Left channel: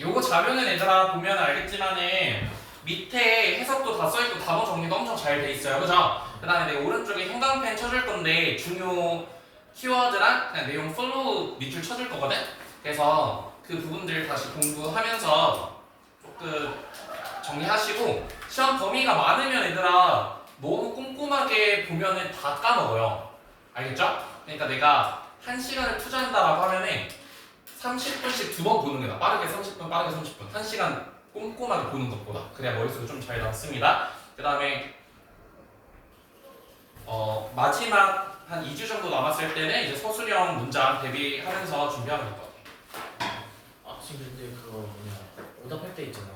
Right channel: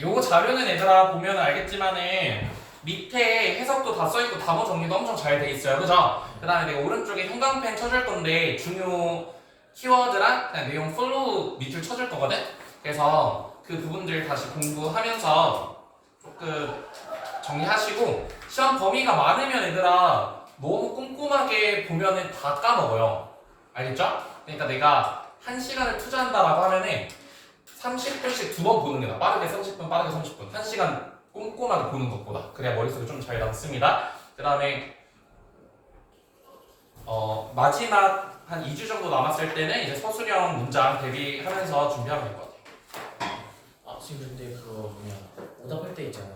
요거 자료는 얘들아 보면 알겠지만은 밑에 해석도 다 써있고 단어 정리도 엄청 잘 돼 있어요. 그죠? 그 다음에 내가 오른쪽에 형광펜 쳐줄 건데 중요 키워드랑 그냥 내용 플로우 밑줄 쳐줄 거거든? 그래서 그 부분들 다시 공부하면서 조금 정리하시고 시험 범위가 많으면 얘들아 너무 꼼꼼하게 보면은 다 까먹어요. 알겠죠? 그러니까 내가 1시간을 투자한다라고 하면은 30분씩 2번 보는 게 나아. 빠르게 30분, 빠르게 30분. 1시간 꼼꼼하게 보는 것보다. 그래야 머릿속에 좀 잘 남습니다. 그 다음에 마지막 한 2주 정도 남았을 때는 이제 서술형 문장 대비하면서 준비하면 될 것 같아요. 아 지금 근데 그거 뭐냐 오답할 때 있잖아요.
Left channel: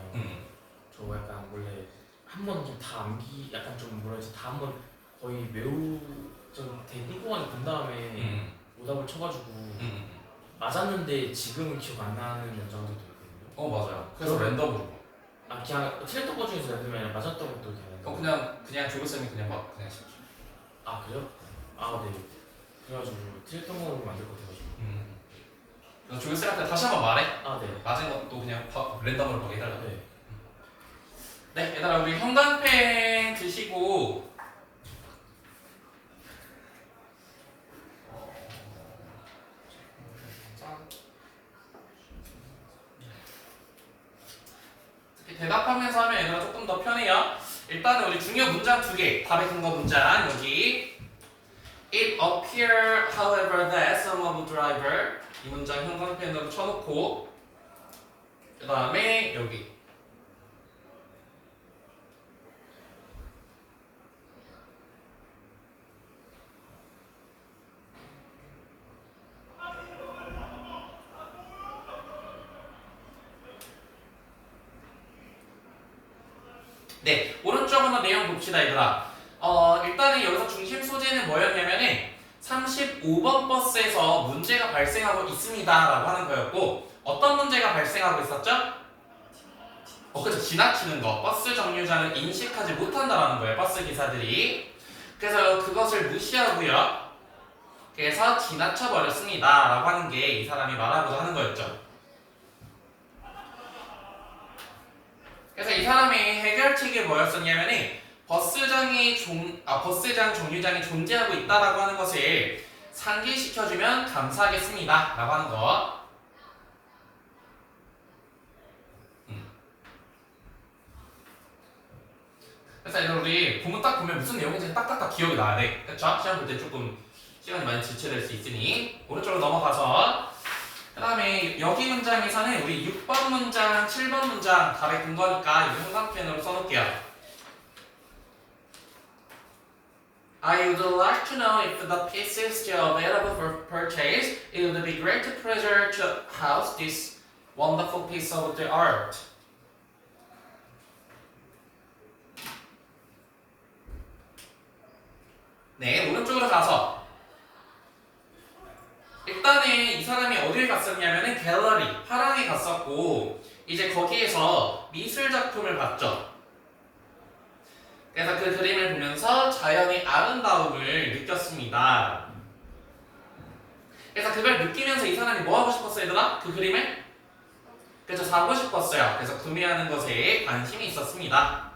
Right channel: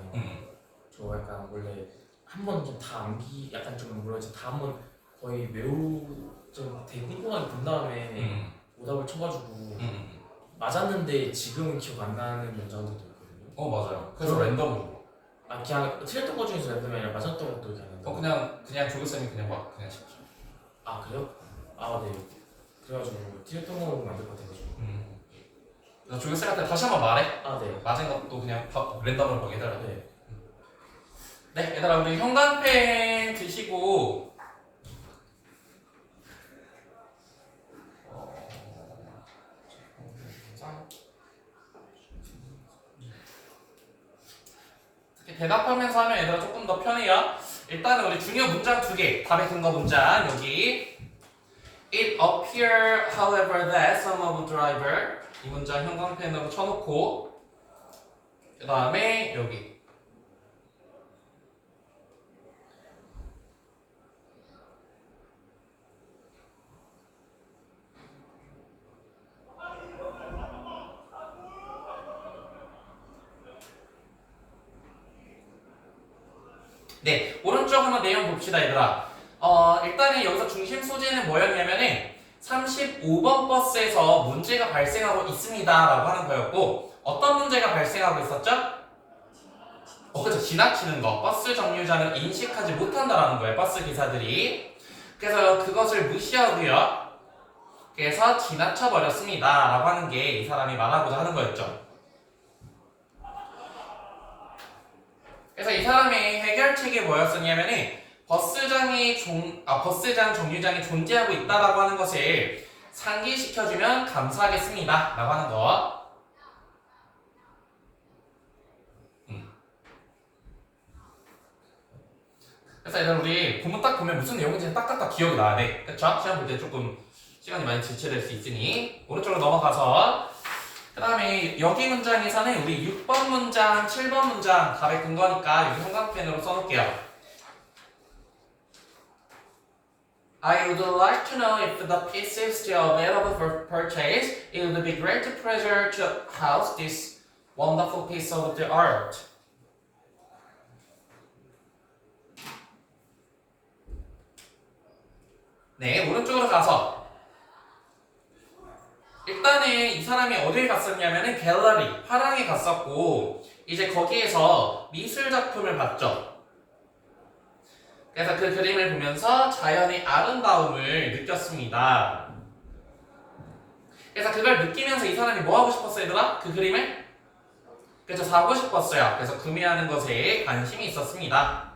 저 약간 원래 한 번 좀 다 암기 약간 좀 뭐라 해야지 다 한 번 거의 매우 좀 되게 꼼꼼하게 본 다음에 오답을 쳐가지고 맞았는데 지금은 기억 안 나는 문장들도 있거든요. 맞아요. 그래서 랜덤으로. 아 그냥 틀렸던 것 중에서 랜덤이 아니라 맞았던 것도 이렇게 안 한다고? 그냥 조교쌤이 그냥 막 그냥 시켜. 아 그래요? 아 네. 그래가지고 틀렸던 거 만들 것 같아가지고. 그래서 조교쌤한테 다시 한번 말해. 아 네. 맞은 것도 그냥 랜덤으로 보게 해달라고. 네. 네, 얘들아 우리 형광펜 드시고 대답하면서 하면 얘들아 조금 더 편해요. 일단은 우리 중요 문장 2개, 답의 근거 문장 여기 It appear, however, that some of the driver 이 문장 형광펜으로 쳐놓고 그 다음에 여기 네, 오른쪽 한번 내용 봅시다, 얘들아. 일단은 여기서 중심 소재는 뭐였냐면은 35번 버스에서 문제가 발생하고 있습니다라고 하는 거였고 어떤 문제가 발생하고 있었죠? 그렇죠. 지나치는 거. 버스 정류장을 인식하지 못한다라는 거예요, 버스 기사들이. 그래서 그것을 무시하고요. 그래서 지나쳐 버렸습니다라고 하는 게 이 사람이 말하고자 하는 거였죠. 그래서 이 사람의 해결책이 뭐였었냐면은 버스장 정류장이 존재하고 있다라고 하는 것을 상기시켜주면 감사하겠습니다 라고 하는 거. 그래서 이제 우리 본문 딱 보면 무슨 내용인지 딱딱딱 기억이 나야 돼. 그쵸? 시험 볼 때 조금 시간이 많이 지체될 수 있으니 오른쪽으로 넘어가서 그 다음에 여기 문장에서는 우리 6번 문장, 7번 문장 답의 근거니까 여기 형광펜으로 써놓을게요. I would like to know if the piece is still available for purchase. It would be great pleasure to house this wonderful piece of the art. 네, 오른쪽으로 가서 일단은 이 사람이 어딜 갔었냐면은 갤러리, 화랑에 갔었고 이제 거기에서 미술 작품을 봤죠. 그래서 그 그림을 보면서 자연의 아름다움을 느꼈습니다. 그래서 그걸 느끼면서 이 사람이 뭐 하고 싶었어요, 얘들아? 그 그림을? 그래서 사고 싶었어요. 그래서 구매하는 것에 관심이 있었습니다.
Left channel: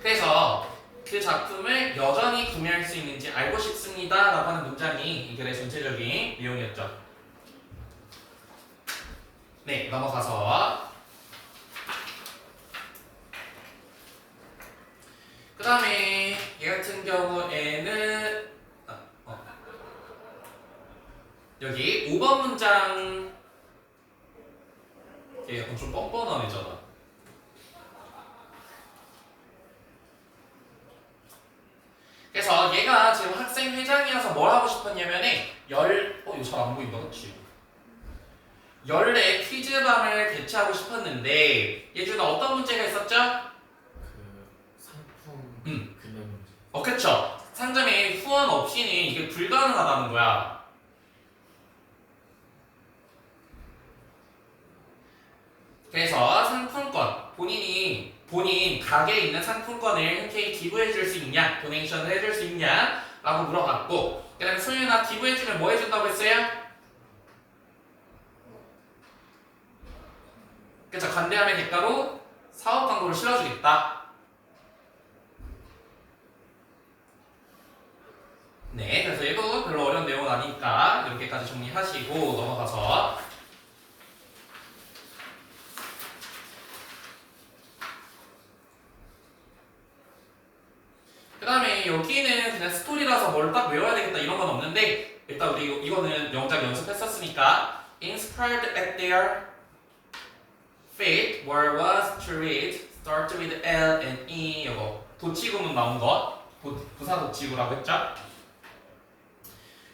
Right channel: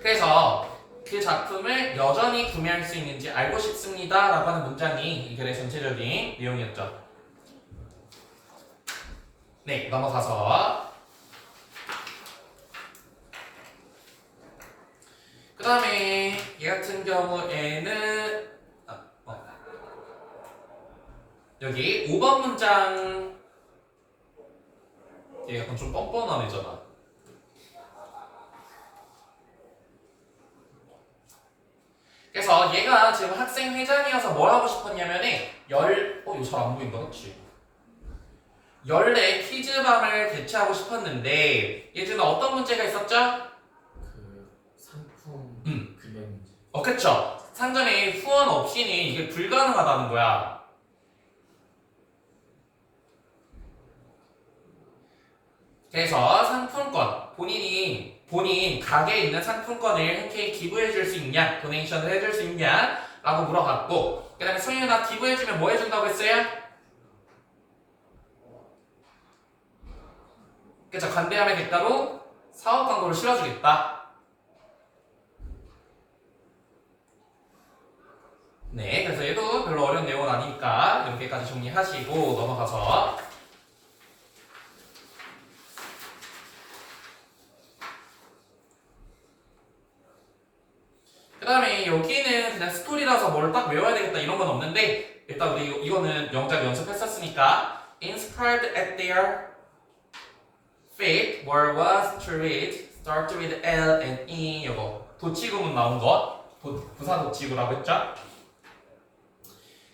그래서 그 작품을 여전히 구매할 수 있는지 알고 싶습니다 라고 하는 문장이 이 글의 전체적인 내용이었죠. 네, 넘어가서 그 다음에 얘 같은 경우에는 여기 5번 문장 얘 약간 좀 뻔뻔한 애잖아. 그래서 얘가 지금 학생 회장이어서 뭘 하고 싶었냐면은 이거 잘 안 보인다, 그치? 14 퀴즈밤을 개최하고 싶었는데 얘 중에 어떤 문제가 있었죠? 그 상품 구매 문제. 그쵸. 상점에 후원 없이는 이게 불가능하다는 거야. 그래서 상품권, 본인 가게에 있는 상품권을 흔쾌히 기부해 줄 수 있냐, 도네이션을 해줄 수 있냐 라고 물어봤고 그 다음에 소윤아 기부해주면 뭐 해준다고 했어요? 그쵸? 간대함의 대가로 사업 광고를 실어주겠다. 네, 그래서 얘도 별로 어려운 내용은 아니니까 이렇게까지 정리하시고 넘어가서 그 다음에 여기는 그냥 스토리라서 뭘 딱 외워야 되겠다 이런 건 없는데 일단 우리 이거는 영작 연습했었으니까 inspired at their fate were was to read start with L and E 이거 도치구문 나온 것 부사 도치구라고 했죠?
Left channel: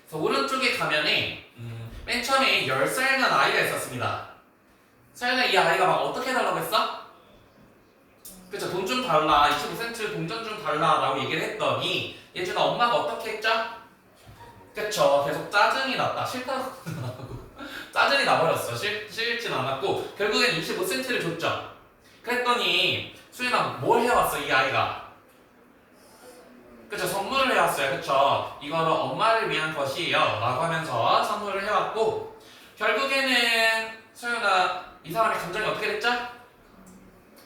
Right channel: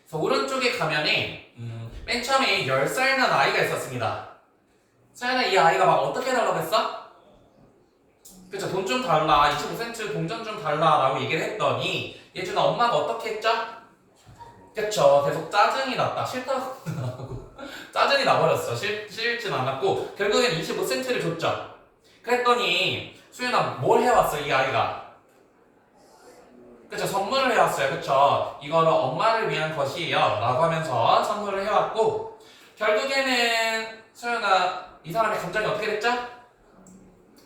그래서 오른쪽에 가면은 맨 처음에 10살 난 아이가 있었습니다. 서연아 이 아이가 막 어떻게 해달라고 했어? 그쵸 돈 좀 달라 25센트 동전 좀 달라 라고 얘기를 했더니 예준아 엄마가 어떻게 했죠? 그쵸 계속 짜증이 났다 싫다고 짜증이 나버렸어 싫진 않았고 결국엔 25센트를 줬죠. 그랬더니 수연아 뭘 해왔어 이 아이가? 그쵸 선물을 해왔어요. 그쵸 이거는 엄마를 위한 것이에요 라고 하면서 선물을 해왔고 결국에는 수연아 이 사람의 감정이 어떻게 됐죠?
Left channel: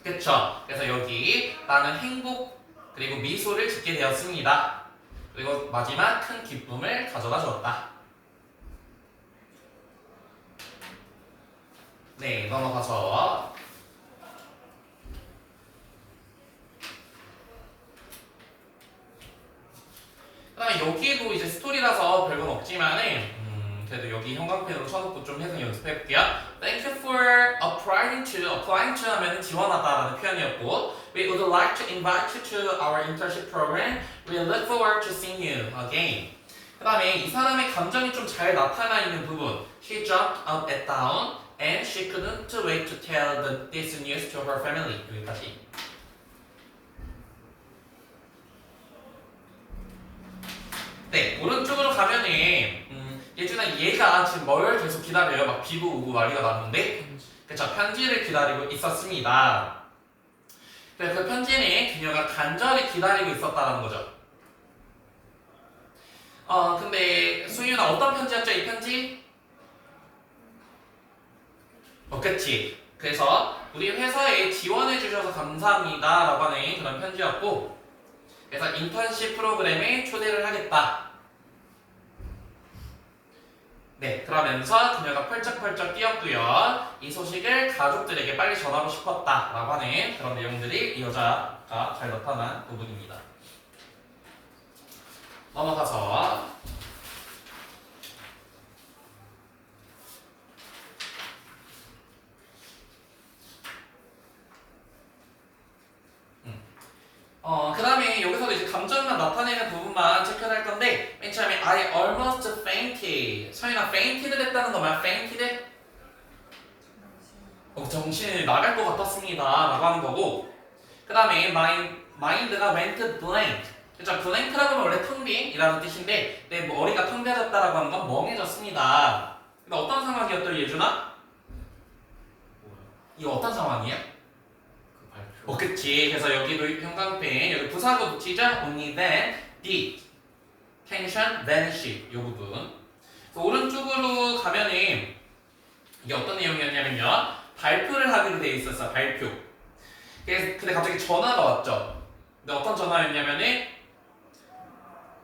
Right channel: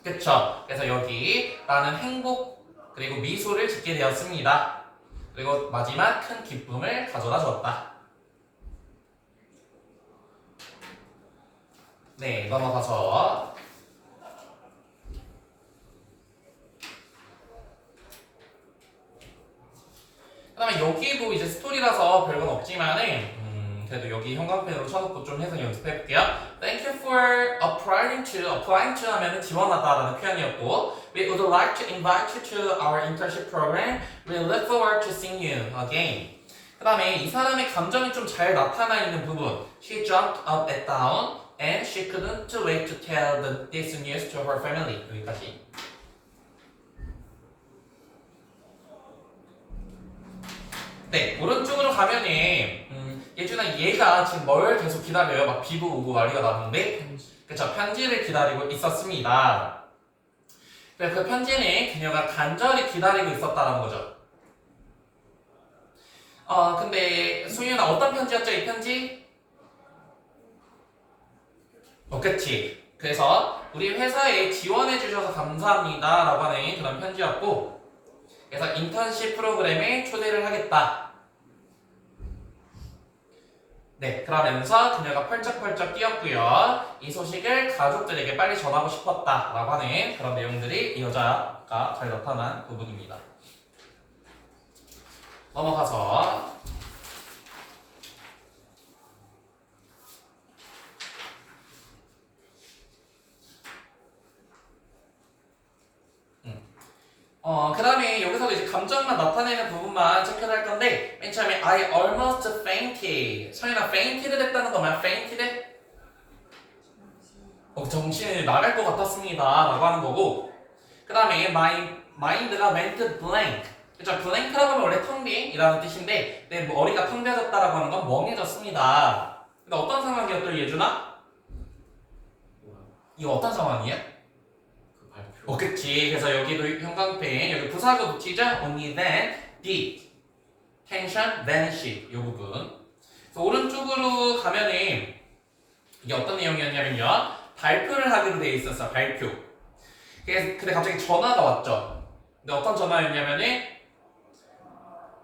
그쵸 그래서 여기 나는 행복 그리고 미소를 짓게 되었습니다. 그리고 마지막 큰 기쁨을 가져다 줬다. 네 넘어가서 그 다음에 여기도 이제 스토리라서 별건 없지만은 그래도 여기 형광펜으로 쳐놓고 좀 해서 연습해볼게요. Thank you for applying to 하면은 지원하다라는 표현이었고 We would like to invite you to our internship program. We look forward to seeing you again. 그 다음에 이 사람의 감정이 좀 잘 나타나 있는 부분 She jumped up and down and she couldn't wait to tell this news to her family. 여기까지. 네, 오른쪽으로 가면은 예준아 얘가 지금 뭘 계속 기다려요? 막 비도 오고 난리가 났는데 그쵸 편지를 기다리고 있었습니다. 그래서 그 편지는 그녀가 간절히 기다리고 있었다는 거죠. 근데 소윤아 어떤 편지였죠 이 편지? 그치. 그래서 우리 회사에 지원해 주셔서 감사합니다 라고 하는 그런 편지였고 그래서 인턴십 프로그램에 초대를 하겠다. 네, 그러면서 그녀가 펄쩍펄쩍 뛰었고요. 이 소식을 가족들에게 빨리 전하고 싶었다라고 하는 그런 내용들이 이 여자가 잘 나타난 부분입니다. 넘어가서 그 다음에 여기서도 이제 감정만 나타내는 부분만 체크할 건데 맨 처음에 I almost fainted 서윤아 fainted를 했다는 거 뭐야? fainted? 정신이 나갈 것 같았습니다 라고 하는 거고 그 다음에 my mind가 went blank 그쵸? blank라고 하면 원래 텅빈이라는 뜻인데 내 머리가 텅 비어졌다라고 하는 건 멍해졌습니다. 근데 어떤 상황이었더니 예준아? 이거 어떤 상황이야? 그치. 그래서 여기도 형광펜 여기 부사가 붙이죠? Only then did tension vanish 이 부분. 그래서 오른쪽으로 가면은 이게 어떤 내용이었냐면요. 발표를 하기로 돼 있었어. 발표. 근데 갑자기 전화가 왔죠. 근데 어떤 전화였냐면은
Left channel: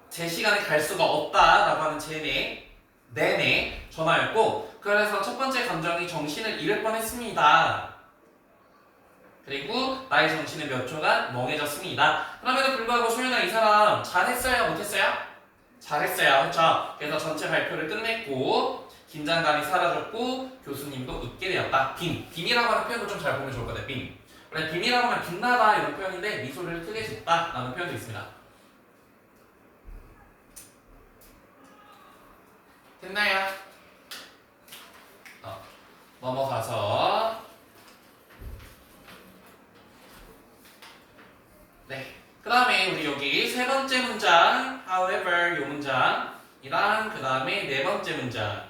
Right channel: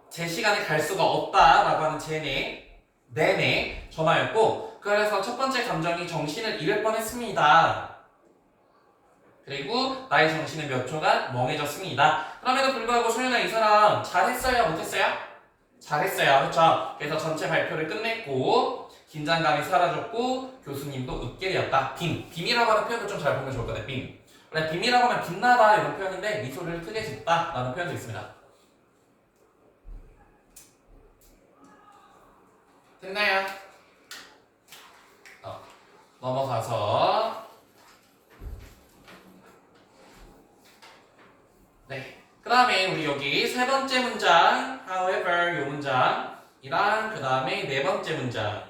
제 시간에 갈 수가 없다라고 하는 내내 전화였고 그래서 첫 번째 감정이 정신을 잃을 뻔했습니다. 그리고 나의 정신은 몇 초간 멍해졌습니다. 그럼에도 불구하고 소윤아 이 사람 잘했어요? 못했어요? 잘했어요. 그렇죠? 그래서 전체 발표를 끝냈고 긴장감이 사라졌고 교수님도 웃게 되었다. 빔이라고 하는 표현도 좀 잘 보면 좋을 거예요. 빔. 원래 빔이라고 하면 빛나다 이런 표현인데 미소를 크게 짓다 라는 표현도 있습니다. 됐나요? 넘어가서 네. 그 다음에 우리 여기 세 번째 문장 however 요 문장이랑 그 다음에 네 번째 문장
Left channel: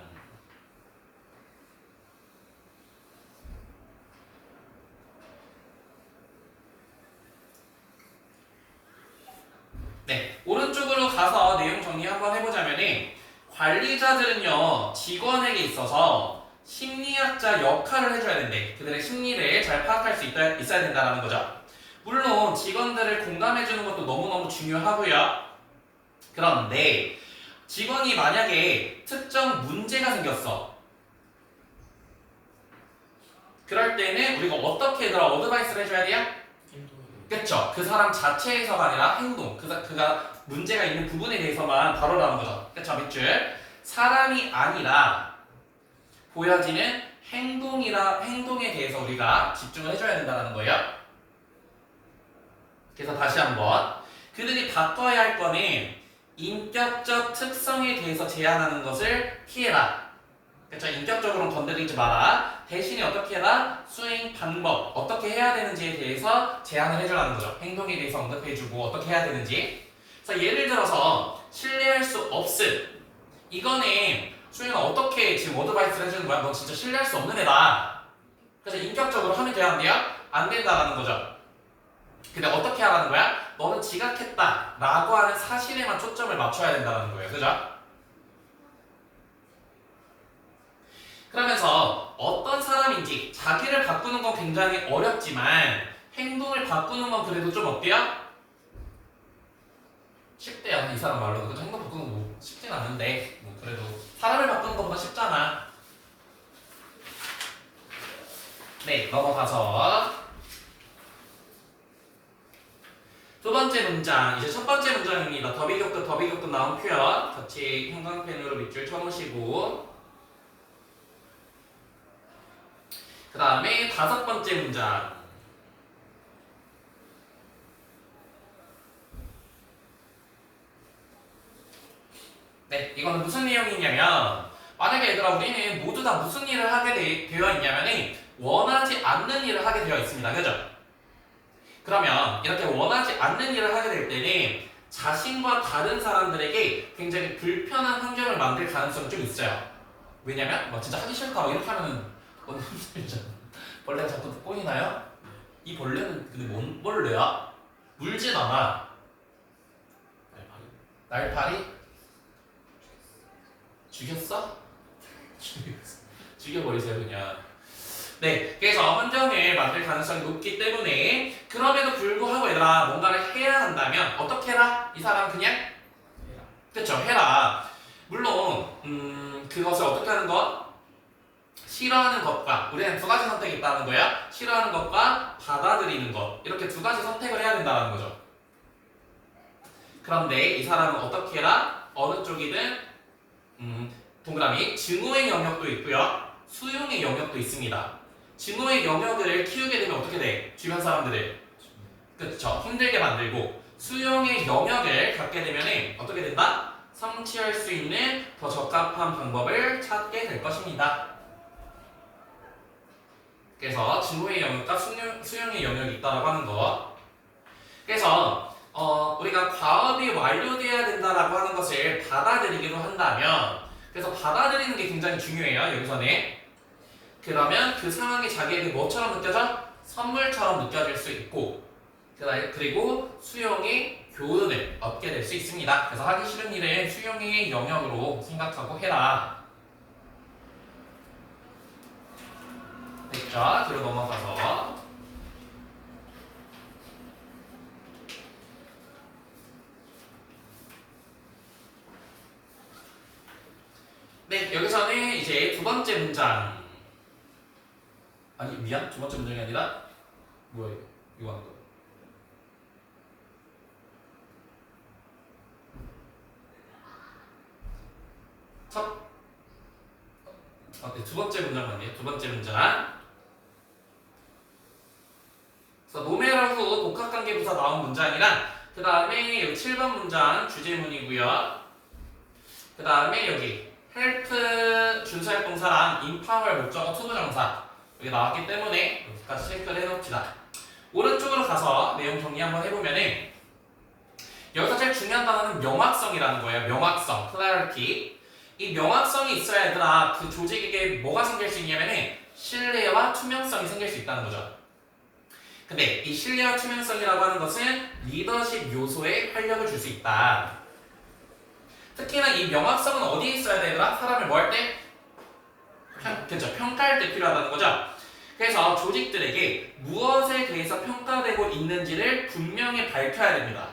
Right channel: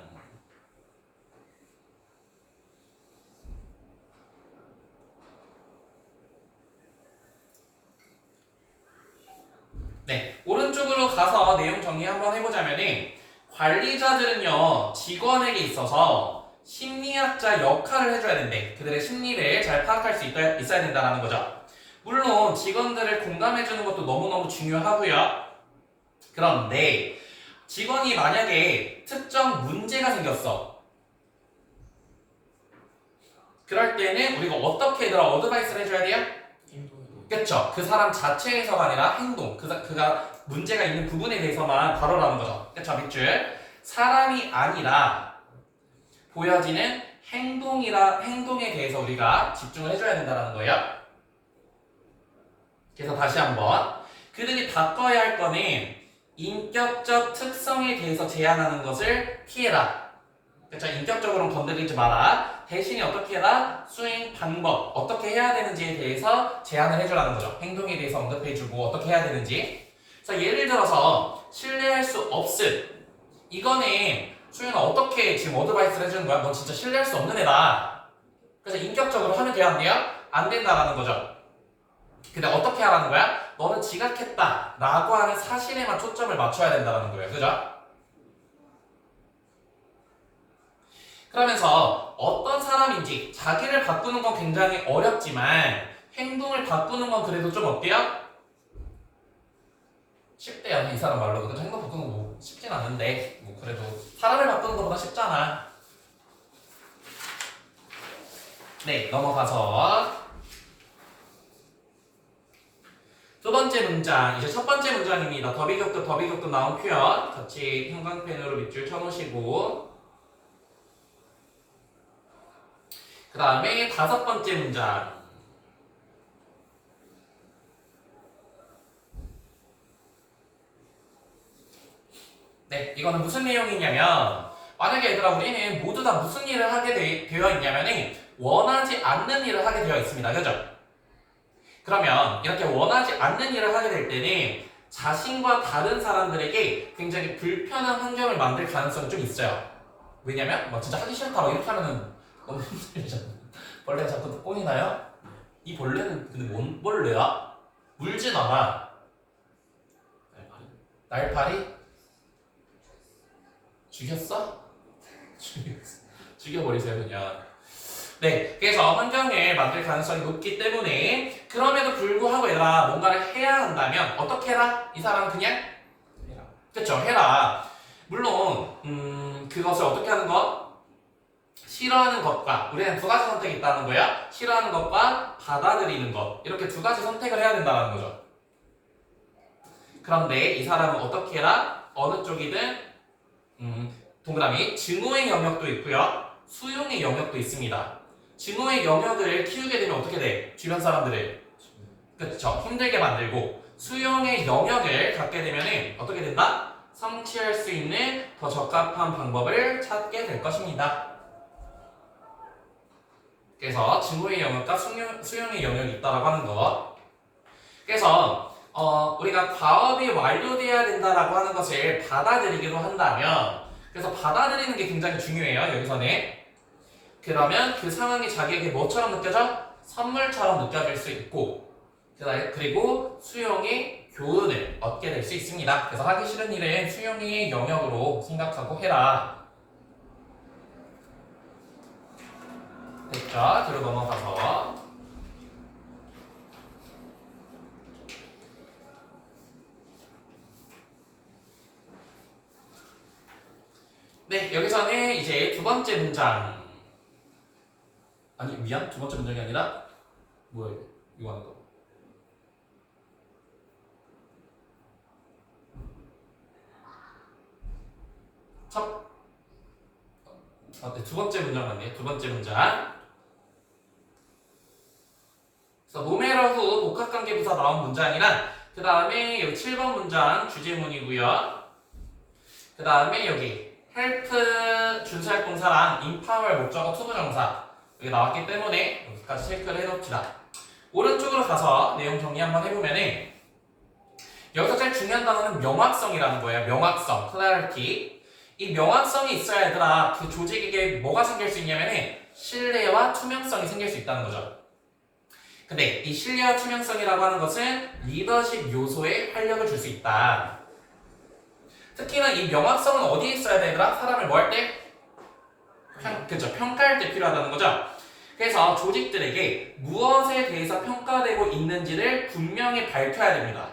네. 오른쪽으로 가서 내용 정리 한번 해보자면은 관리자들은요 직원에게 있어서 심리학자 역할을 해줘야 된대. 그들의 심리를 잘 파악할 수 있어야 된다는 거죠. 물론 직원들을 공감해주는 것도 너무너무 중요하고요. 그런데 직원이 만약에 특정 문제가 생겼어. 그럴 때는 우리가 어떻게 얘들아 어드바이스를 해줘야 돼요? 행동이 그쵸? 그 사람 자체에서가 아니라 행동, 그가 문제가 있는 부분에 대해서만 다루라는 거죠. 그쵸? 밑줄. 사람이 아니라 보여지는 행동에 대해서 우리가 집중을 해줘야 된다는 거예요. 그래서 다시 한번 그들이 바꿔야 할 거는 인격적 특성에 대해서 제한하는 것을 피해라. 그쵸? 인격적으로는 건드리지 마라. 대신에 어떻게 해라? 수행 방법, 어떻게 해야 되는지에 대해서 제안을 해주라는 거죠. 행동에 대해서 언급해주고 어떻게 해야 되는지. 그래서 예를 들어서 신뢰할 수 없음. 이거는 수행은 어떻게 지금 어드바이스를 해주는 거야? 너 진짜 신뢰할 수 없는 애다. 그래서 인격적으로 하면 돼야 안 돼요? 안 된다라는 거죠. 근데 어떻게 하라는 거야? 너는 지각했다 라고 하는 사실에만 초점을 맞춰야 된다는 거예요. 그죠? 그러면서 어떤 사람인지 자기를 바꾸는 건 굉장히 어렵지만 행동을 바꾸는 건 그래도 좀 어때요? 쉽대요. 이 사람 말로도. 그죠? 행동 바꾸는 거 뭐 쉽진 않은데 뭐 그래도 사람을 바꾸는 것보다 쉽잖아. 네, 넘어가서 두 번째 문장, 이제 첫 번째 문장입니다. 더비격급 나온 표현 같이 형광펜으로 밑줄 쳐놓으시고 그 다음에 다섯 번째 문장. 네, 이거는 무슨 내용이냐면 만약에 얘들아 우리는 모두 다 무슨 일을 하게 되어 있냐면은 원하지 않는 일을 하게 되어 있습니다. 그죠? 그러면 이렇게 원하지 않는 일을 하게 될 때는 자신과 다른 사람들에게 굉장히 불편한 환경을 만들 가능성이 좀 있어요. 왜냐면 뭐 진짜 하기 싫다고 이렇게 하면은 너무 힘들잖아. 벌레가 자꾸 꼬이나요? 이 벌레는 근데 뭔 벌레야? 물진 않아. 날파리? 죽였어? 죽여버리세요 그냥. 네, 그래서 환경을 만들 가능성이 높기 때문에 그럼에도 불구하고 얘들아 뭔가를 해야 한다면 어떻게 해라? 이 사람 그냥 해라. 그쵸 해라. 물론 그것을 어떻게 하는 것? 싫어하는 것과 우리는 두 가지 선택이 있다는 거야. 싫어하는 것과 받아들이는 것 이렇게 두 가지 선택을 해야 된다는 거죠. 그런데 이 사람은 어떻게 해라? 어느 쪽이든 동그라미 증오의 영역도 있고요. 수용의 영역도 있습니다. 증오의 영역을 키우게 되면 어떻게 돼? 주변 사람들을 그쵸 힘들게 만들고 수용의 영역을 갖게 되면 어떻게 된다? 성취할 수 있는 더 적합한 방법을 찾게 될 것입니다. 그래서 증오의 영역과 수용의 영역이 있다라고 하는 것. 그래서 우리가 과업이 완료돼야 된다라고 하는 것을 받아들이기로 한다면 그래서 받아들이는 게 굉장히 중요해요. 여기서는. 그러면 그 상황이 자기에게 뭐처럼 느껴져? 선물처럼 느껴질 수 있고 그리고 수용의 교훈을 얻게 될 수 있습니다. 그래서 하기 싫은 일은 수용의 영역으로 생각하고 해라. 됐죠? 뒤로 넘어가서 네, 여기서는 이제 두 번째 문장 아니 미안 두 번째 문장이 아니라 뭐야 이거 하는 거 네, 두 번째 문장 맞네요. 두 번째 문장. 그래서 노메러후 복합관계부사 나온 문장이랑 그 다음에 여기 7번 문장 주제문이고요. 그 다음에 여기 헬프 준수활동사랑 인파월 목적어 투부정사 여기 나왔기 때문에 여기까지 체크를 해놓읍시다. 오른쪽으로 가서 내용 정리 한번 해보면은 여기서 제일 중요한 단어는 명확성이라는 거예요. 명확성, clarity. 이 명확성이 있어야 얘들아 그 조직에게 뭐가 생길 수 있냐면은 신뢰와 투명성이 생길 수 있다는 거죠. 근데 이 신뢰와 투명성이라고 하는 것은 리더십 요소에 활력을 줄 수 있다. 특히나 이 명확성은 어디에 있어야 되더라? 사람을 뭐 할 때? 그죠? 평가할 때 필요하다는 거죠. 그래서 조직들에게 무엇에 대해서 평가되고 있는지를 분명히 밝혀야 됩니다.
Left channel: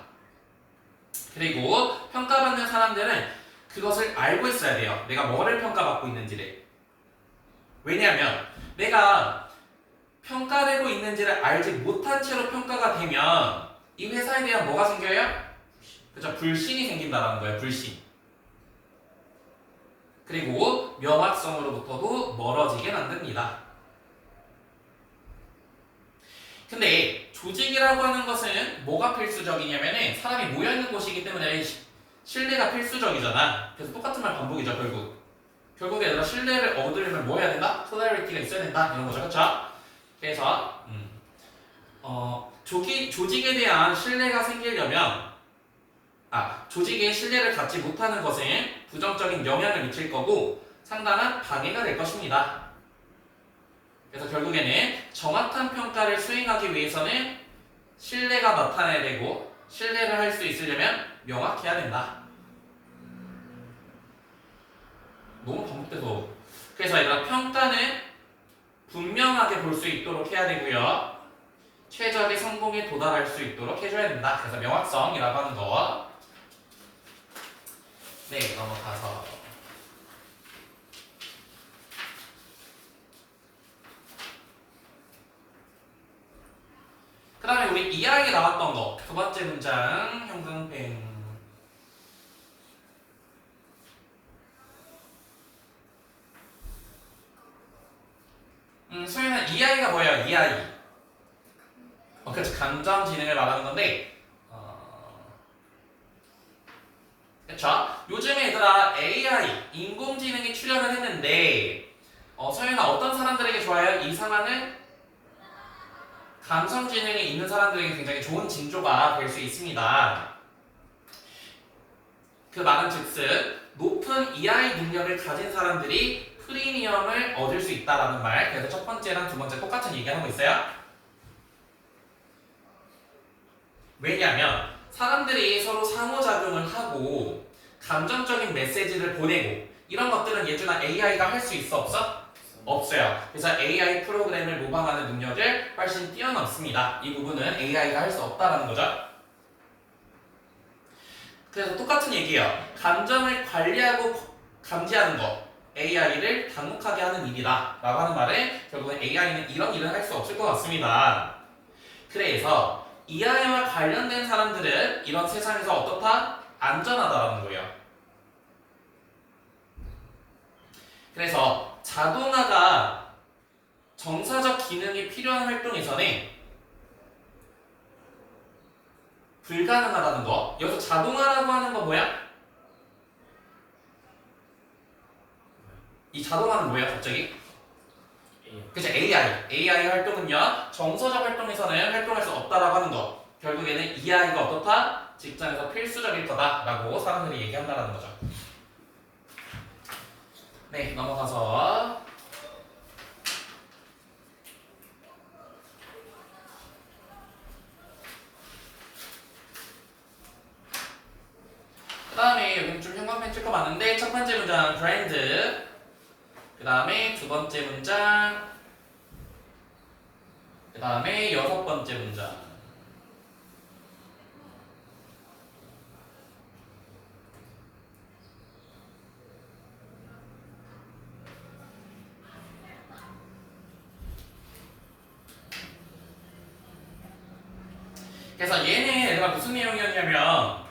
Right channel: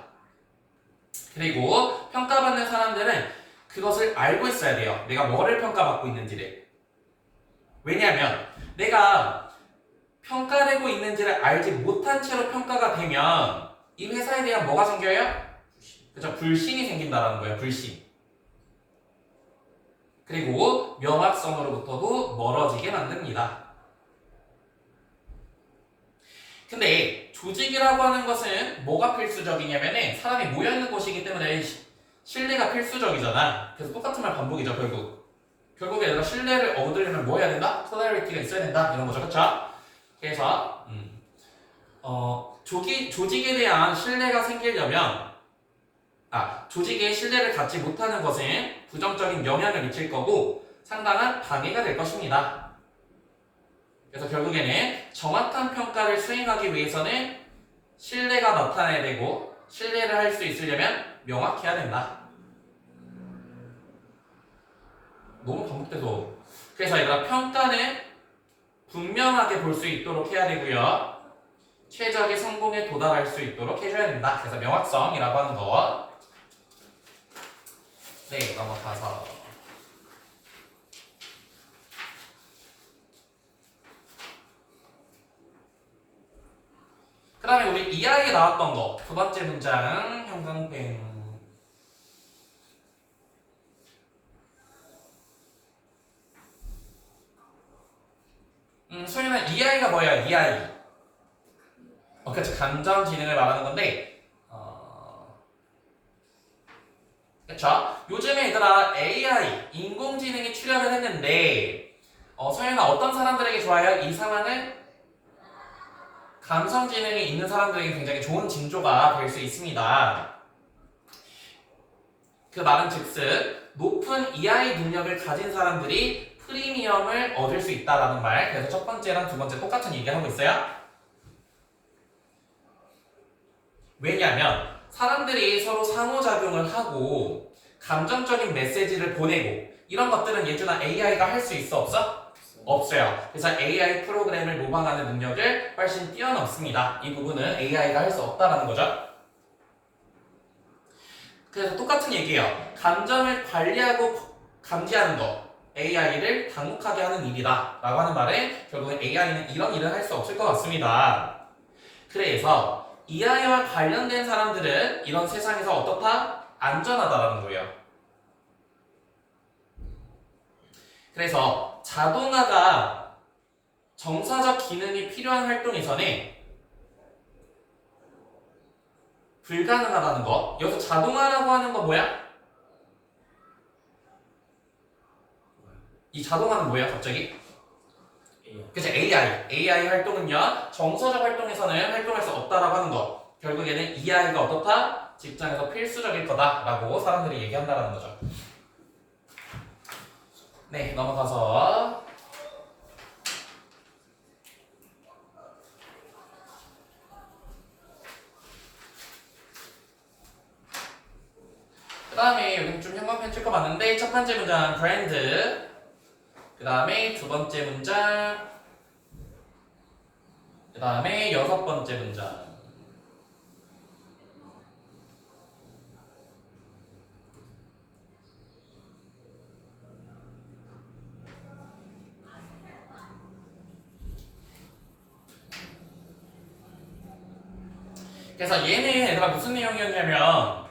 그리고 평가받는 사람들은 그것을 알고 있어야 돼요. 내가 뭐를 평가받고 있는지를. 왜냐하면 내가 평가되고 있는지를 알지 못한 채로 평가가 되면 이 회사에 대한 뭐가 생겨요? 그죠? 불신이 생긴다는 거예요. 불신. 그리고 명확성으로부터도 멀어지게 만듭니다. 근데 조직이라고 하는 것은 뭐가 필수적이냐면은 사람이 모여있는 곳이기 때문에 신뢰가 필수적이잖아. 그래서 똑같은 말 반복이죠, 결국에 내가 신뢰를 얻으려면 뭐 해야 된다? 토달리티가 있어야 된다. 이런 거죠, 그쵸? 그래서 조직에 대한 신뢰가 생기려면 조직에 신뢰를 갖지 못하는 것은 부정적인 영향을 미칠 거고 상당한 방해가 될 것입니다. 그래서 결국에는 정확한 평가를 수행하기 위해서는 신뢰가 나타나야 되고 신뢰를 할 수 있으려면 명확해야 된다. 너무 반복돼서 그래서 얘들아 평가는 분명하게 볼 수 있도록 해야 되고요. 최적의 성공에 도달할 수 있도록 해줘야 된다. 그래서 명확성이라고 하는 거. 네, 넘어가서 그 다음에 우리 이야기 나왔던 거 두 번째 문장 형광펜 소연아 이야기가 뭐예요? 이야기 그렇죠. 감정 지능을 말하는 건데 그쵸? 요즘에 얘들아 AI 인공지능이 출연을 했는데 소연아 어떤 사람들에게 좋아요? 이 상황은 감성 지능이 있는 사람들에게 굉장히 좋은 징조가 될 수 있습니다. 그 말은 즉슨 높은 EI 능력을 가진 사람들이 프리미엄을 얻을 수 있다라는 말. 그래서 첫 번째랑 두 번째 똑같은 얘기하고 있어요. 왜냐하면 사람들이 서로 상호작용을 하고 감정적인 메시지를 보내고 이런 것들은 예준아 AI가 할 수 있어 없어? 없어요. 그래서 AI 프로그램을 모방하는 능력을 훨씬 뛰어넘습니다. 이 부분은 AI가 할 수 없다라는 거죠. 그래서 똑같은 얘기예요. 감정을 관리하고 감지하는 거 AI를 당혹하게 하는 일이다 라고 하는 말은 결국엔 AI는 이런 일은 할 수 없을 것 같습니다. 그래서 AI와 관련된 사람들은 이런 세상에서 어떻다? 안전하다라는 거예요. 그래서 자동화가 정사적 기능이 필요한 활동에서는 불가능하다는 거. 여기서 자동화라고 하는 거 뭐야? 이 자동화는 뭐야 갑자기? 그죠? AI 활동은요 정서적 활동에서는 활동할 수 없다라고 하는 거. 결국에는 EI가 어떻다? 직장에서 필수적일 거다라고 사람들이 얘기한다라는 거죠. 네, 넘어가서 그 다음에 여기 좀 형광펜 칠거 많은데 첫 번째 문장 브랜드 그 다음에 두 번째 문장 그 다음에 여섯 번째 문장 그래서 얘는 얘들아 무슨 내용이었냐면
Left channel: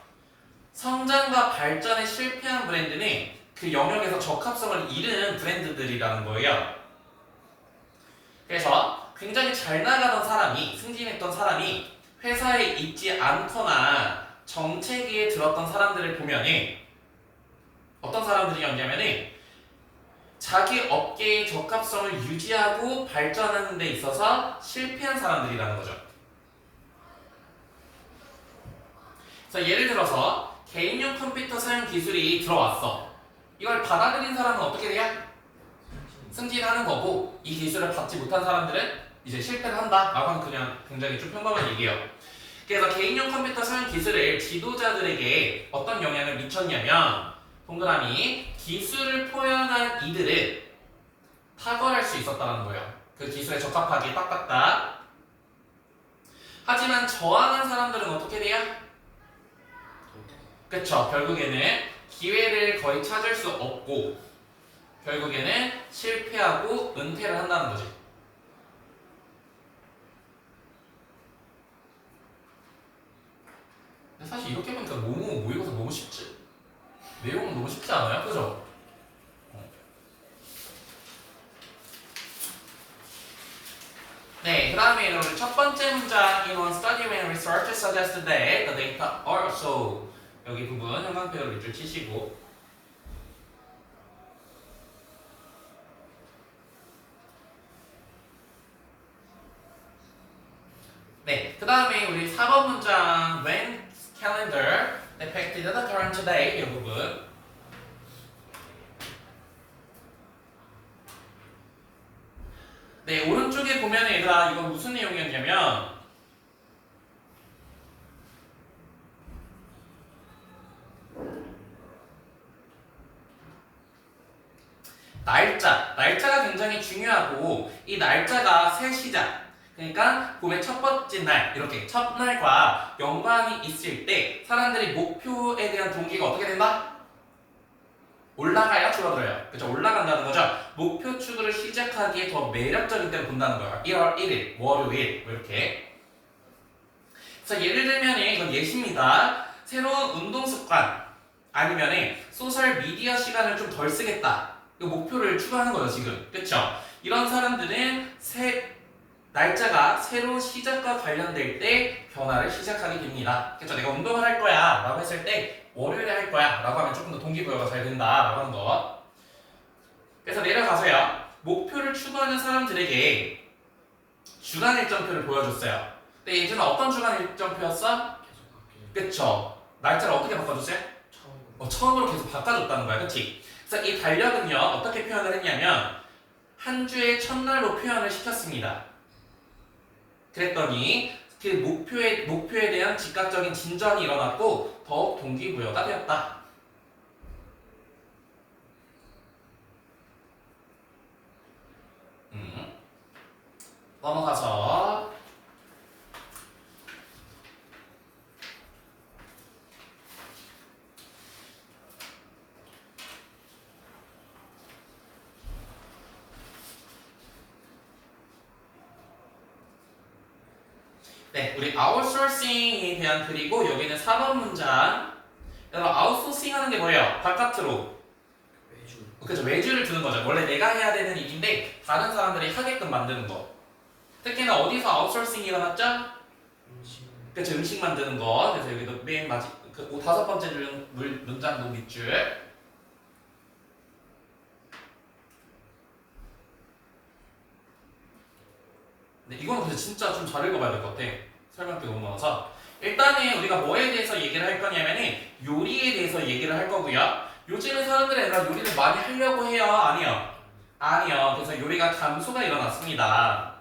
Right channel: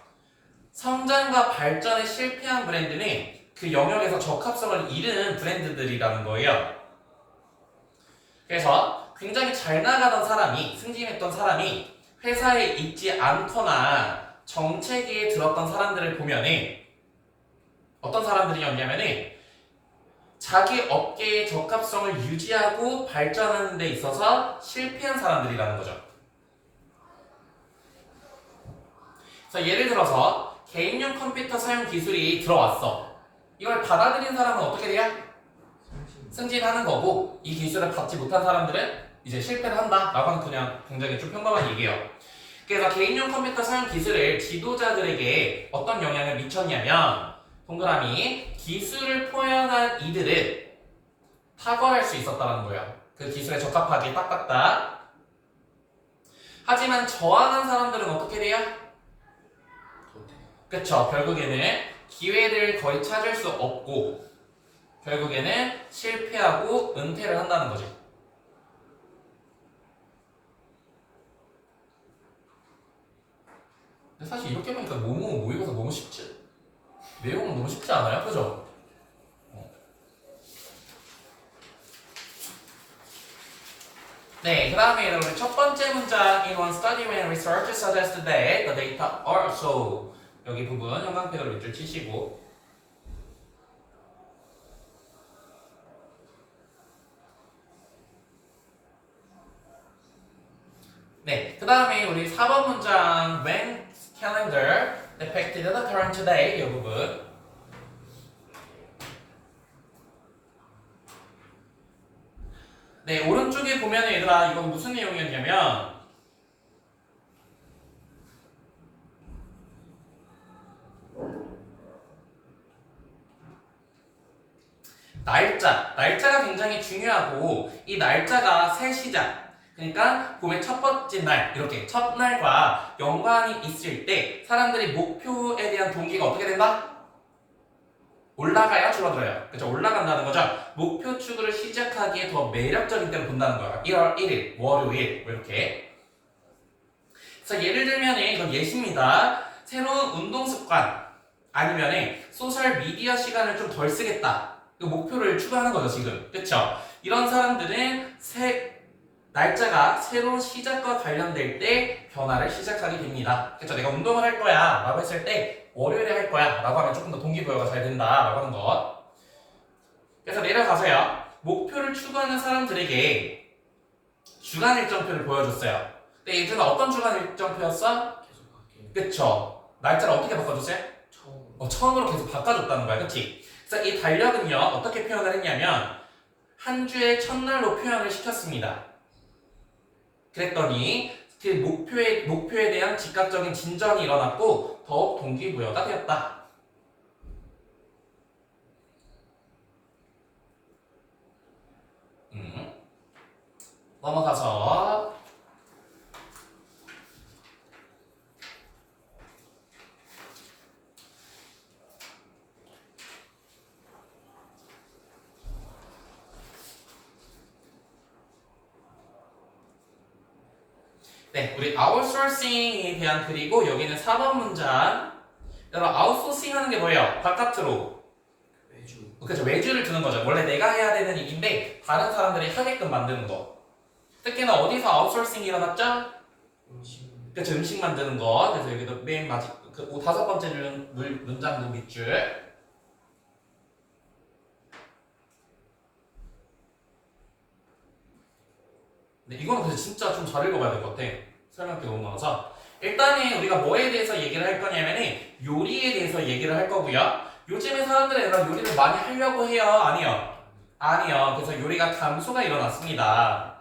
성장과 발전에 실패한 브랜드는 그 영역에서 적합성을 잃은 브랜드들이라는 거예요. 그래서 굉장히 잘 나가던 사람이 승진했던 사람이 회사에 있지 않거나 정체기에 들었던 사람들을 보면은 어떤 사람들이었냐면은 자기 업계의 적합성을 유지하고 발전하는 데 있어서 실패한 사람들이라는 거죠. 그래서 예를 들어서 개인용 컴퓨터 사용 기술이 들어왔어. 이걸 받아들인 사람은 어떻게 돼요? 승진하는 거고 이 기술을 받지 못한 사람들은 이제 실패를 한다 라고 하는 그냥 굉장히 좀 평범한 얘기예요. 그래서 개인용 컴퓨터 사용 기술을 지도자들에게 어떤 영향을 미쳤냐면 동그라미 기술을 포용한 이들은 탁월할 수 있었다는 거예요. 그 기술에 적합하게 딱딱딱. 하지만 저하는 사람들은 어떻게 돼요? 그쵸. 결국에는 기회를 거의 찾을 수 없고 결국에는 실패하고 은퇴를 한다는 거지. 근데 사실 이렇게 보니까 너무 모의고사 너무 쉽지? 내용은 너무 쉽지 않아요? 그죠? 네, 그 다음에 여러분 첫 번째 문장 In one study when research suggests that the data are so 여기 부분 형광펜으로 밑줄 치시고 네, 그 다음에 우리 4번 문장 When calendar depicted the current day 이 부분 네, 오른쪽에 보면 얘들아 이거 무슨 내용이었냐면 날짜가 굉장히 중요하고 이 날짜가 새 시작 그러니까 봄의 첫 번째 날 이렇게 첫날과 연관이 있을 때 사람들이 목표에 대한 동기가 어떻게 된다? 올라가야 줄어들어요. 그렇죠? 올라간다는 거죠. 목표 추구를 시작하기에 더 매력적인 때를 본다는 거예요. 1월 1일, 월요일 뭐 이렇게. 그래서 예를 들면 이건 예시입니다. 새로운 운동 습관 아니면 소셜 미디어 시간을 좀 덜 쓰겠다. 이 목표를 추구하는 거죠 지금. 그렇죠? 이런 사람들은 날짜가 새로운 시작과 관련될 때 변화를 시작하게 됩니다. 그렇죠? 내가 운동을 할 거야 라고 했을 때 월요일에 할 거야 라고 하면 조금 더 동기부여가 잘 된다 라고 하는 거. 그래서 내려가서요 목표를 추구하는 사람들에게 주간 일정표를 보여줬어요. 근데 예전에 어떤 주간 일정표였어? 계속 바뀌는 그쵸? 날짜를 어떻게 바꿔줬어요? 처음으로 계속 바꿔줬다는 거야. 그치? 그래서 이 달력은요 어떻게 표현을 했냐면 한 주의 첫날로 표현을 시켰습니다. 그랬더니 그 목표에 대한 즉각적인 진전이 일어났고 더욱 동기부여가 되었다. 넘어가서 네, 우리 아웃소싱에 대한 그리고 여기는 4번 문장. 여러분 아웃소싱 하는 게 뭐예요? 바깥으로. 외주 그렇죠. 외주를 두는 거죠. 원래 내가 해야 되는 일인데 다른 사람들이 하게끔 만드는 거. 특히나 어디서 아웃소싱이 일어났죠? 음식 그렇죠. 음식 만드는 거. 그래서 여기도 맨 다섯 번째 문장도 밑줄. 네, 이거는 근데 진짜 좀 잘 읽어봐야 될 것 같아. 설명이 너무 많아서. 일단은 우리가 뭐에 대해서 얘기를 할 거냐면은 요리에 대해서 얘기를 할 거고요. 요즘에 사람들이 요리를 많이 하려고 해요? 아니요? 아니요. 그래서 요리가 감소가 일어났습니다.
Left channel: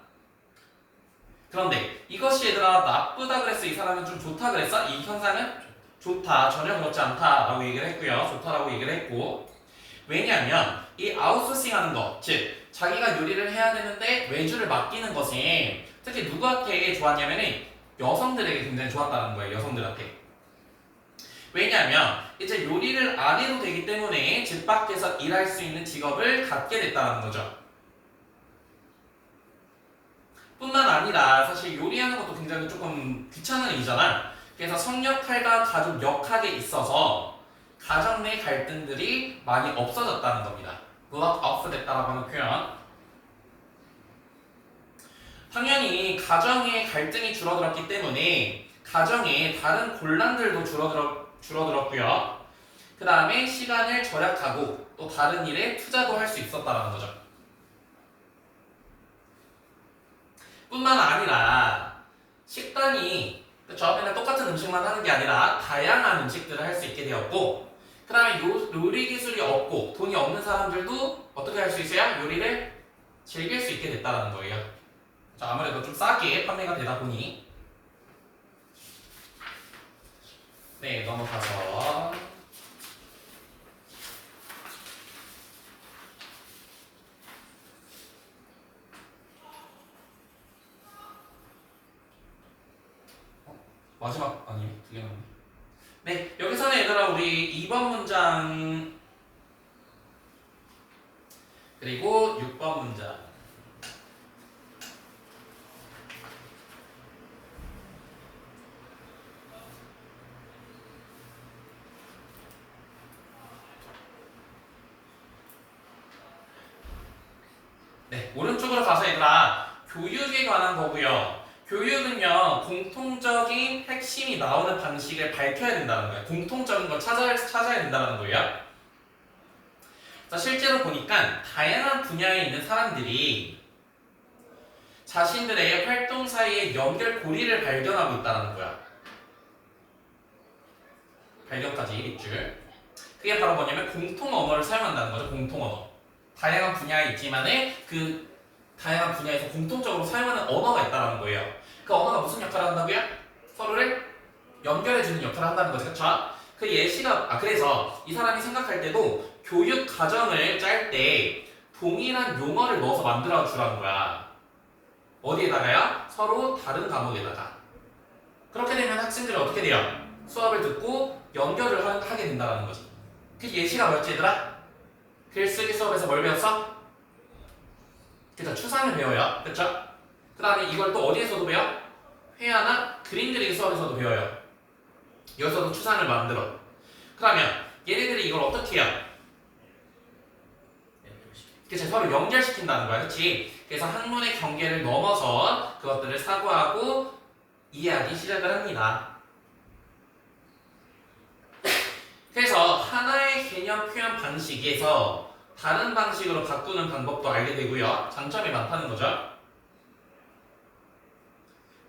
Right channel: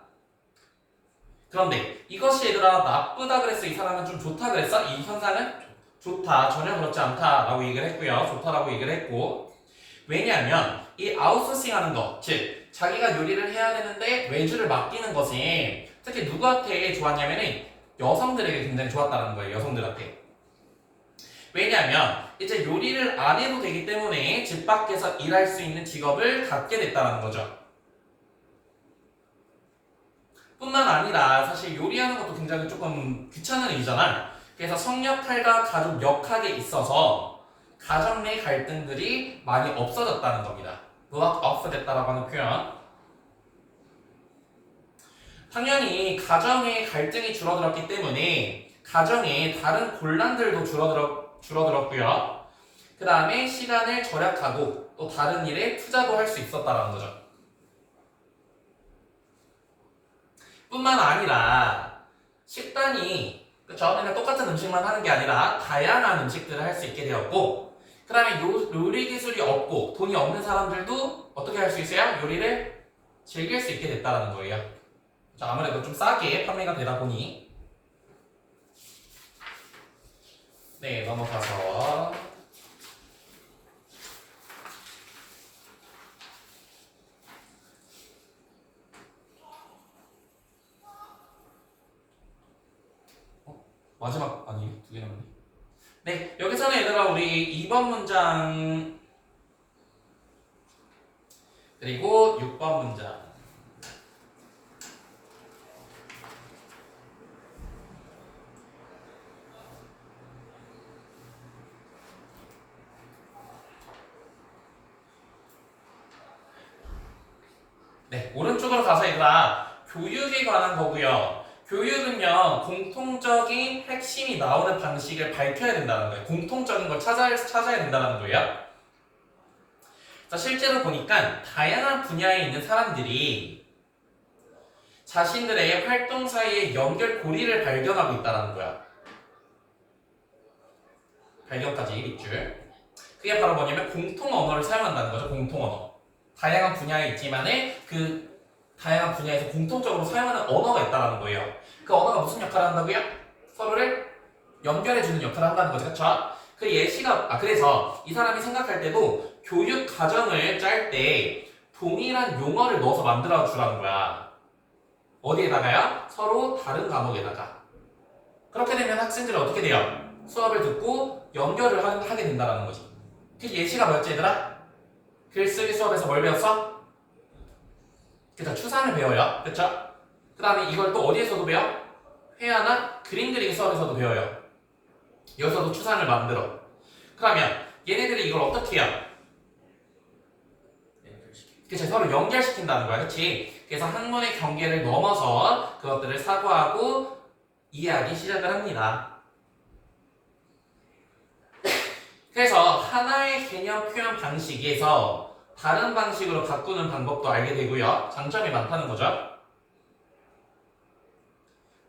그런데 이것이 얘들아 나쁘다 그랬어? 이 사람은 좀 좋다 그랬어? 이 현상은? 좋다. 전혀 그렇지 않다 라고 얘기를 했고요. 좋다라고 얘기를 했고 왜냐하면 이 아웃소싱 하는 거, 즉 자기가 요리를 해야 되는데 외주를 맡기는 것이 특히 누구한테 좋았냐면은 여성들에게 굉장히 좋았다는 거예요. 여성들한테. 왜냐하면 이제 요리를 안 해도 되기 때문에 집 밖에서 일할 수 있는 직업을 갖게 됐다는 거죠. 뿐만 아니라 사실 요리하는 것도 굉장히 조금 귀찮은 일이잖아. 그래서 성역할과 가족 역할에 있어서 가정 내 갈등들이 많이 없어졌다는 겁니다. block off 됐다라고 하는 표현. 당연히 가정의 갈등이 줄어들었기 때문에 가정의 다른 곤란들도 줄어들었고요. 그 다음에 시간을 절약하고 또 다른 일에 투자도 할 수 있었다는 거죠. 뿐만 아니라 식단이 그쵸? 맨날 똑같은 음식만 하는 게 아니라 다양한 음식들을 할 수 있게 되었고 그 다음에 요리 기술이 없고 돈이 없는 사람들도 어떻게 할 수 있어요? 요리를 즐길 수 있게 됐다는 거예요. 자, 아무래도 좀 싸게 판매가 되다 보니 네, 넘어가서 네, 여기서는 얘들아 우리 2번 문장 그리고 6번 문장 네, 오른쪽으로 가서 얘들아 교육에 관한 거고요. 교육은요 공통적인 핵심이 나오는 방식을 밝혀야 된다는 거예요. 공통적인 걸 찾아야 된다는 거예요. 자, 실제로 보니까 다양한 분야에 있는 사람들이 자신들의 활동 사이에 연결고리를 발견하고 있다는 거야. 발견까지 밑줄. 그게 바로 뭐냐면 공통 언어를 사용한다는 거죠. 공통 언어. 다양한 분야에 있지만은 그 다양한 분야에서 공통적으로 사용하는 언어가 있다는 거예요. 그 언어가 무슨 역할을 한다고요? 서로를 연결해주는 역할을 한다는 거죠. 그렇죠? 그 예시가 그래서 이 사람이 생각할 때도 교육 과정을 짤 때 동일한 용어를 넣어서 만들어 주라는 거야. 어디에다가요? 서로 다른 과목에다가. 그렇게 되면 학생들이 어떻게 돼요? 수업을 듣고 연결을 하게 된다는 거지. 그 예시가 뭐였지 얘들아? 글쓰기 수업에서 뭘 배웠어? 그쵸, 추상을 배워요. 그쵸? 그 다음에 이걸 또 어디에서도 배워? 회화나 그림 그리기 수업에서도 배워요. 여기서도 추상을 만들어. 그러면 얘네들이 이걸 어떻게 해요? 그쵸, 서로 연결시킨다는 거야. 그치? 그래서 학문의 경계를 넘어서 그것들을 사고하고 이해하기 시작을 합니다. 그래서 하나의 개념 표현 방식에서 다른 방식으로 바꾸는 방법도 알게 되고요. 장점이 많다는 거죠.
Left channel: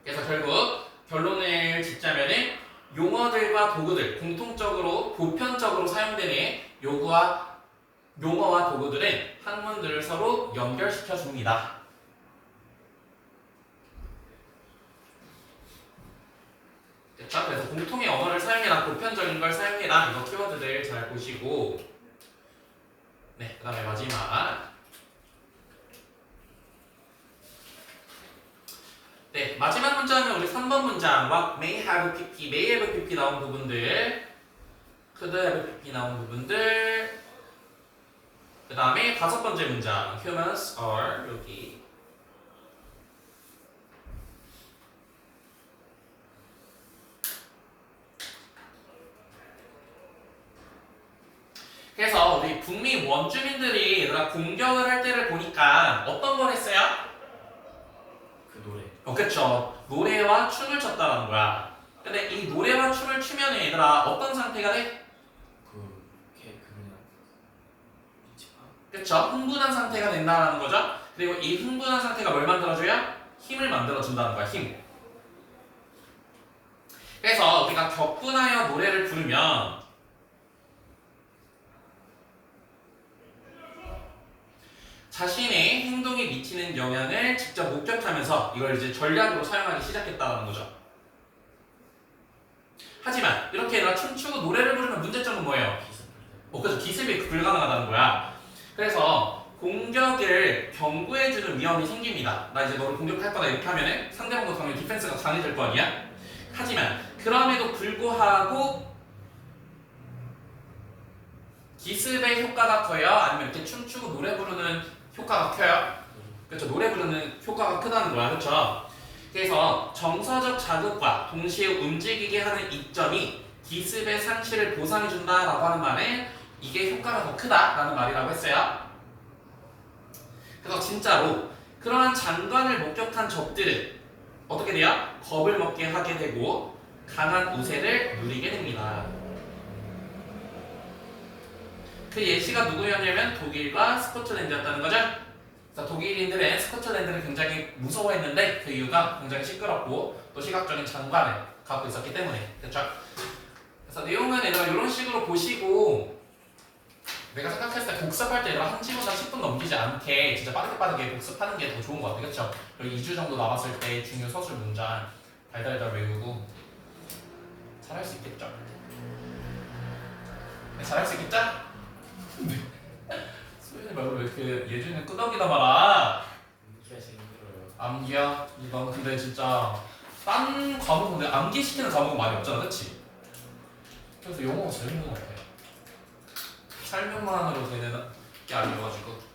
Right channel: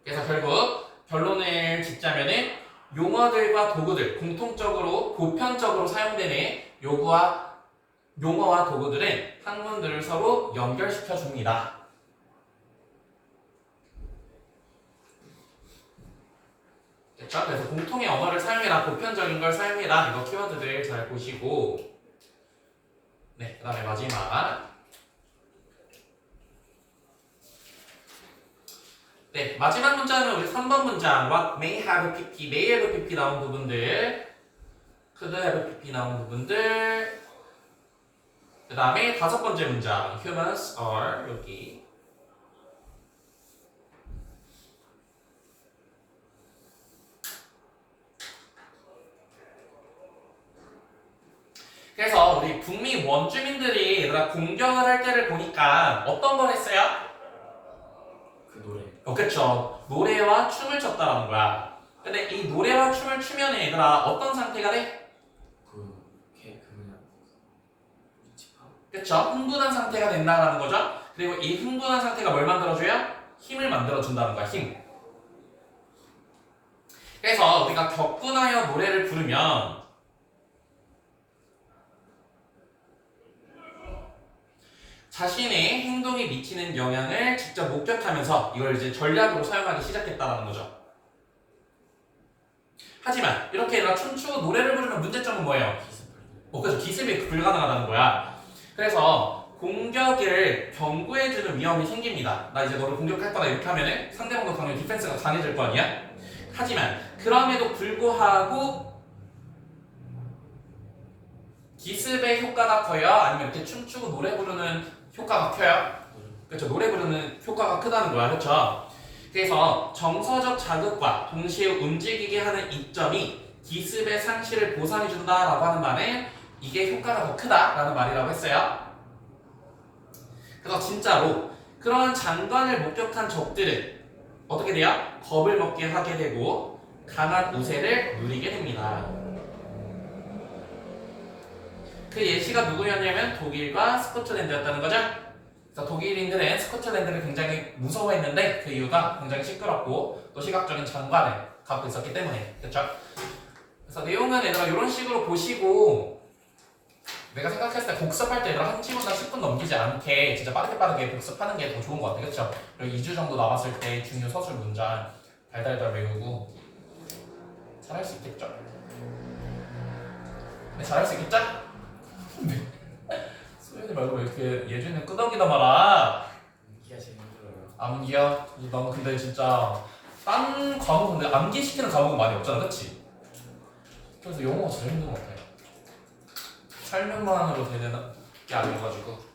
그래서 결국 결론을 짓자면은 용어들과 도구들, 공통적으로 보편적으로 사용되는 용어와 도구들은 학문들을 서로 연결시켜 줍니다. 됐죠? 그래서 공통의 언어를 사용해라, 보편적인 걸 사용해라. 이거 키워드들 잘 보시고, 네, 그 다음에 마지막. 네, 마지막 문장은 우리 3번 문장. What may have pp, may have pp 나온 부분들, could have pp 나온 부분들. 그 다음에 5번째 문장. Humans are 여기. 그래서 우리 북미 원주민들이 얘들아 공격을 할 때를 보니까 어떤 걸 했어요? 그 노래. 그쵸. 노래와 춤을 췄다는 거야. 근데 이 노래와 춤을 추면 얘들아 어떤 상태가 돼? 그냥 미치파. 그쵸. 흥분한 상태가 된다는 거죠. 그리고 이 흥분한 상태가 뭘 만들어줘요? 힘을 만들어준다는 거야. 힘. 그래서 우리가 격분하여 노래를 부르면 자신의 행동에 미치는 영향을 직접 목격하면서 이걸 이제 전략으로 사용하기 시작했다는 거죠. 하지만 이렇게 얘들아 춤추고 노래를 부르면 문제점은 뭐예요? 그래서 기습이 불가능하다는 거야. 그래서 공격을 경고해주는 위험이 생깁니다. 나 이제 너를 공격할 거다 이렇게 하면은 상대방도 당연히 디펜스가 강해질 거 아니야? 하지만 그럼에도 불구하고 기습의 효과가 커요? 아니면 이렇게 춤추고 노래 부르는 효과가 커요? 그렇죠. 노래 부르는 효과가 크다는 거야. 그렇죠. 그래서 정서적 자극과 동시에 움직이게 하는 이점이 기습의 상실을 보상해준다라고 하는 말은 이게 효과가 더 크다라는 말이라고 했어요. 그래서 진짜로 그러한 장관을 목격한 적들은 어떻게 돼요? 겁을 먹게 하게 되고 강한 우세를 누리게 됩니다. 그 예시가 누구였냐면 독일과 스코틀랜드였다는 거죠. 그래서 독일인들은 스코틀랜드를 굉장히 무서워했는데 그 이유가 굉장히 시끄럽고 또 시각적인 장관을 갖고 있었기 때문에. 그렇죠? 그래서 내용은 얘들아 이런 식으로 보시고 내가 생각했을 때 복습할 때 얘들아 1시간이나 10분 넘기지 않게 진짜 빠르게 복습하는 게 더 좋은 것 같아요. 그렇죠? 그리고 2주 정도 남았을 때 중요 서술 문장 달달달 외우고 잘할 수 있겠죠? 네, 잘할 수 있겠죠? 소연이 말고 왜 이렇게 예준이 끄덕이다 말아. 암기가 제일 힘들어요. 암기야? 나는 근데 진짜 딴 과목은 암기시키는 과목은 많이 없잖아, 그치? 그래서 영어가 제일 힘든 것 같아. 설명만으로 되는 게 아니어가지고.